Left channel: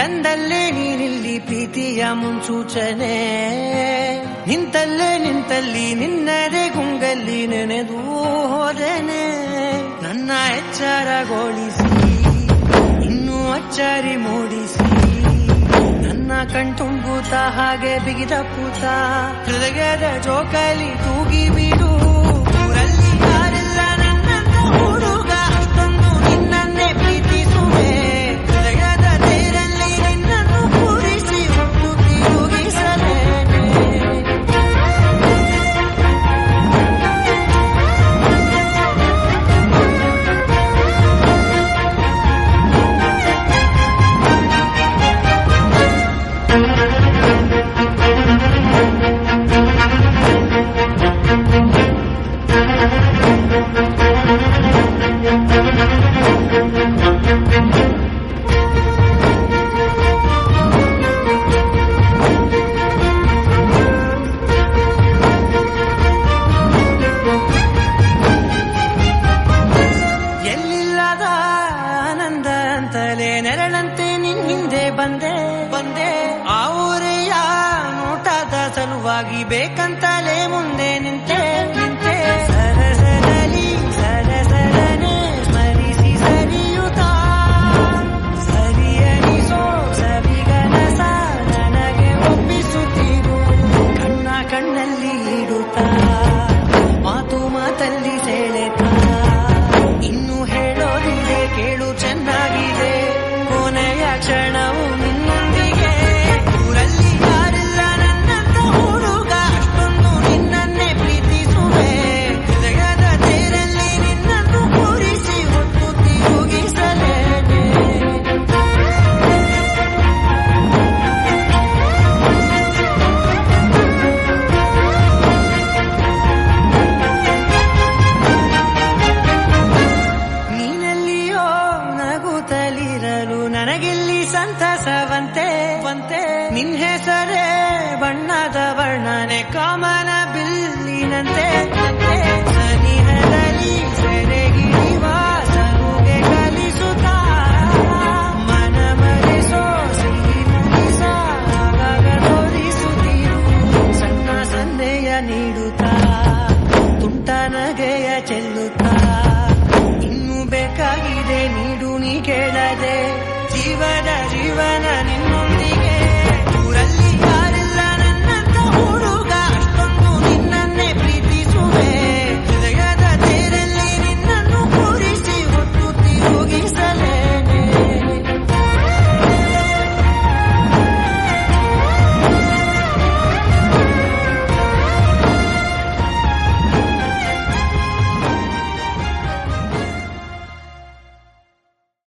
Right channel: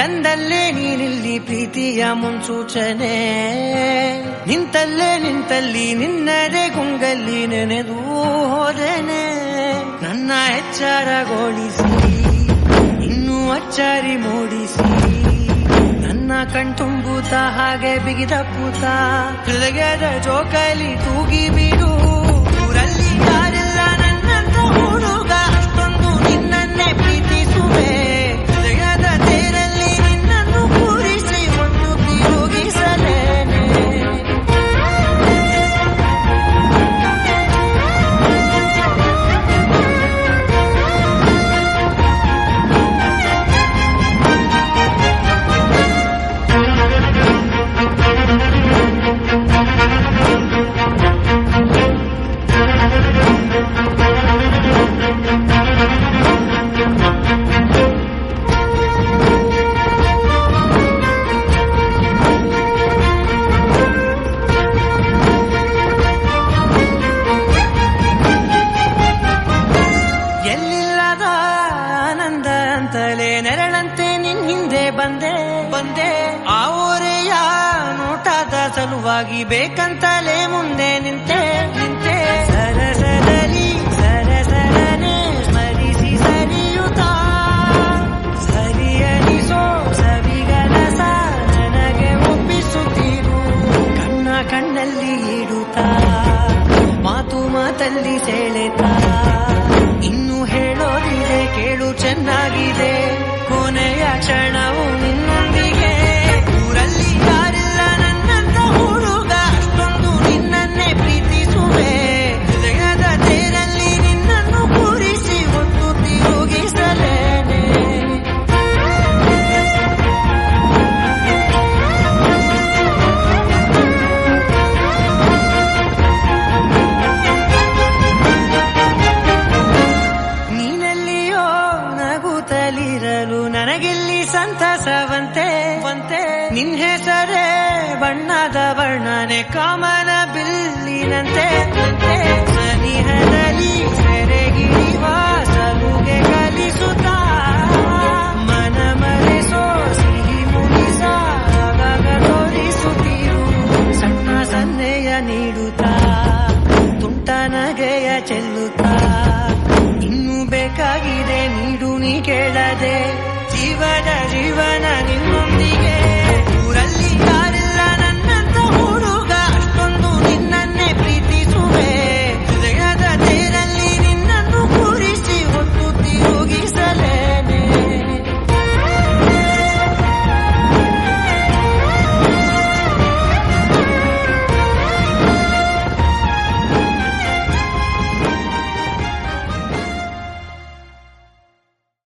ತಂದಲ್ಲೇ ನೀನಿಲ್ಲಿ ಪ್ರೀತಿಯ ಮುನ್ಸೂಚನೆ, ನಿಂತಲ್ಲಿ ನಿನ್ನದೇ ಗುಂಗಲ್ಲಿ ನೆನೆದು ಹೋದೆನೆ. ನನ್ನ ಎಚ್ಚರಗೊಳಿಸಿ ಇನ್ನೂ ಅಚ್ಚರಿ ಮೂಡಿಸಿ, ನನ್ನ ಕಣ್ತುಂಬುತ್ತ ಹಾಗೆ ಬಿಗಿದ ಪೂತ ಹೃದಯದ ಜೋಕಾಲಿ ತೂಗಿ ಬಿಡು. ಊರಲ್ಲಿ ಯಾರಿಲ್ಲ ನನ್ನಂತ ಹುಡುಗ, ಅಷ್ಟೊಂದು ನಿನ್ನನ್ನೇ ಪ್ರೀತಿಸುವೆ. ಹೃದಯದ ತೇರಲ್ಲಿ ನಿನ್ನನ್ನು ಕೂರಿಸಿ ಹೊತ್ತು ತಿರುಗಿಸಲೇನೆ. ಎಲ್ಲಿಲ್ಲದ ಆನಂದ ಅಂತಲೇ ನೆರಳಂತೆ ನಿನ್ ಹಿಂದೆ ಬಂದೆ. ಆ ಊರೆಯ ನೋಟದ ಸಲುವಾಗಿ ಬೇಕಂತಲೇ ಮುಂದೆ ನಿಂತೆ. ಸರಸರನೆ ಸ್ಮರಿಸಿ ಸರಿಯುತ್ತಾ, ಸರಿಯನಿಸೋ ಸವಿಗನಸ ನನಗೆ ಒಪ್ಪಿಸುತ್ತೀರು. ಕಣ್ಣಲ್ಲಿ ಇಡುತ್ತಾ, ಮಾತಲ್ಲಿ ಸೆಳೆತಾ, ಇನ್ನು ಹೇಳೋದಿದೆ ಕೇಳು ಚೆನ್ನಾಗಿದೆ. ಕೊನೆಯ ಕ್ಷಣವು ನಿನ್ನೊಂದಿಗೆ. ಊರಲ್ಲಿ ಯಾರಿಲ್ಲ ನನ್ನಂತ ಹುಡುಗ, ಅಷ್ಟೊಂದು ನಿನ್ನನ್ನೇ ಪ್ರೀತಿಸುವೆ. ಹೃದಯದ ತೇರಲ್ಲಿ ನಿನ್ನನ್ನು ಕೂರಿಸಿ ಹೊತ್ತು ತಿರುಗಿಸಲೇನೆ. ನೀನೆಲ್ಲಿಯೋ ನಗುತ್ತಲಿರಲು ನನಗಿಲ್ಲಿ ಸಂತಸವಂತೆ. ನಿನ್ ಹೆಸರೇ ಬಣ್ಣದ ವರ್ಣನೆ ಕಾಮನ ಬಿಲ್ಲಿನಂತೆ. ಸನಿಹದಲ್ಲಿ ಸೆರೆಗಿಳಿವ ಸಲುಗೆ ಕಲಿಸುತ್ತಾ, ಮನ ಮರೆಸೋ ಸಿಹಿ ಮುನಿಸ ಆಗಾಗ ತೋರಿಸುತ್ತೀರು. ಸಣ್ಣ ಸನ್ನೆಯ ನೀಡುತ್ತಾ, ತುಂಟ ನಗೆಯ ಚೆಲ್ಲುತ್ತಾ, ಇನ್ನೂ ಬೇಕಾಗಿದೆ ನೀಡು ನೀ ಕೇಳದೆ. ಜೀವನ ನಿನ್ನೊಂದಿಗೆ. ಊರಲ್ಲಿ